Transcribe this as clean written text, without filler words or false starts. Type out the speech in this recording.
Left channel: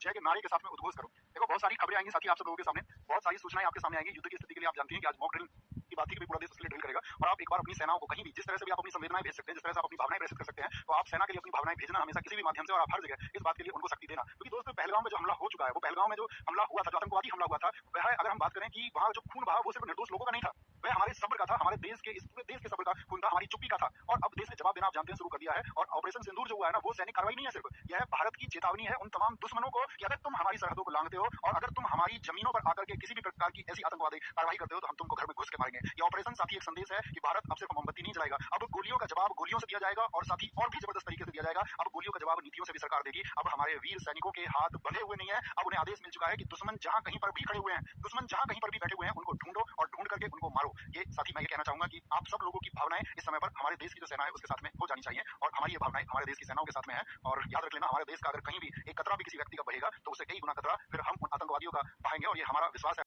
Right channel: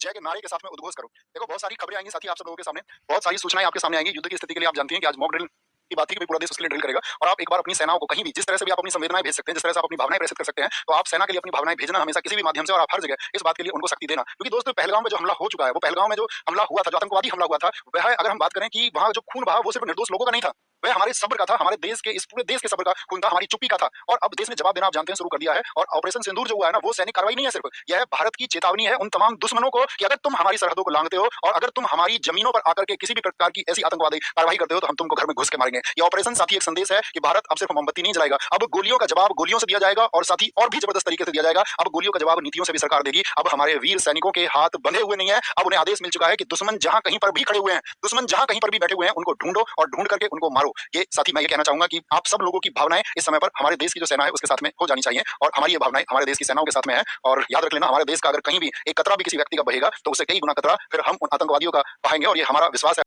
जय के नारे के साथ में उद्घोष करो। देखो बहुत सारी खबरें आएंगी साथी आप सब लोगों के सामने, बहुत सारी सूचनाएं आपके सामने आएंगी। युद्ध की स्थिति के लिए आप जानती हैं कि आज मॉक ड्रिल की बात थी कि पूरा देश उसके लिए ड्रिल करेगा और आप एक बार अपनी सेनाओं को कहीं भी जिस तरह से भी आप अपनी संवेदनाएं भेज सकते हैं, जिस तरह से आप अपनी भावनाएं प्रेषित कर सकते हैं, तो आप सेना के लिए अपनी भावनाएं भेजना हमेशा किसी भी माध्यम से और आप हर जगह इस बात के लिए उनको शक्ति देना। क्योंकि दोस्तों पहलगाम में जो हमला हो चुका है, वो पहलगाम में जो हमला हुआ था, जो आतंकवादी हमला हुआ था, वह अगर हम बात करें कि वहां जो खून बहा वो सिर्फ निर्दोष लोगों का नहीं था, वह हमारे सब्र का था, हमारे देश के इस पूरे देश के सब्र का खून था, हमारी चुप्पी का था। और अब देश ने जवाब देना आप जानते हैं शुरू कर दिया है। और ऑपरेशन सिंदूर जो हुआ है ना, वो सैनिक कार्रवाई नहीं है सिर्फ, यह भारत की चेतावनी है उन तमाम दुश्मनों को कि अगर तुम हमारी सरहदों को लांघते हो और अगर तुम हमारी जमीनों पर आकर के किसी भी प्रकार की ऐसी आतंकवादी कार्रवाई करते हो तो हम तुमको घर में घुस के मारेंगे। ये ऑपरेशन साथी एक संदेश है कि भारत अब सिर्फ मोमबत्ती नहीं जलाएगा, अब गोलियों का जवाब गोलियों से दिया जाएगा और साथ ही और भी जबरदस्त तरीके से दिया जाएगा। अब गोलियों का जवाब नीतियों से भी सरकार देगी। अब हमारे वीर सैनिकों के हाथ बंधे हुए नहीं है, अब उन्हें आदेश मिल चुका है कि दुश्मन जहां कहीं पर भी खड़े हुए हैं, दुश्मन जहां कहीं पर भी बैठे हुए हैं, उनको ढूंढो और ढूंढ करके उनको मारो। ये साथी मैं ये कहना चाहूंगा कि आप सब लोगों की भावनाएं इस समय पर हमारे देश की जो सेना है उसके साथ में हो जानी चाहिए और हमारी ये भावनाएं हमारे देश की सेनाओं के साथ में है। और याद रख लेना, हमारे देश का अगर कहीं भी एक कतरा भी किसी व्यक्ति का बहेगा तो उससे कई गुना कतरा फिर हम उन आतंकवादियों का बहाएंगे और ये हमारा विश्वास है।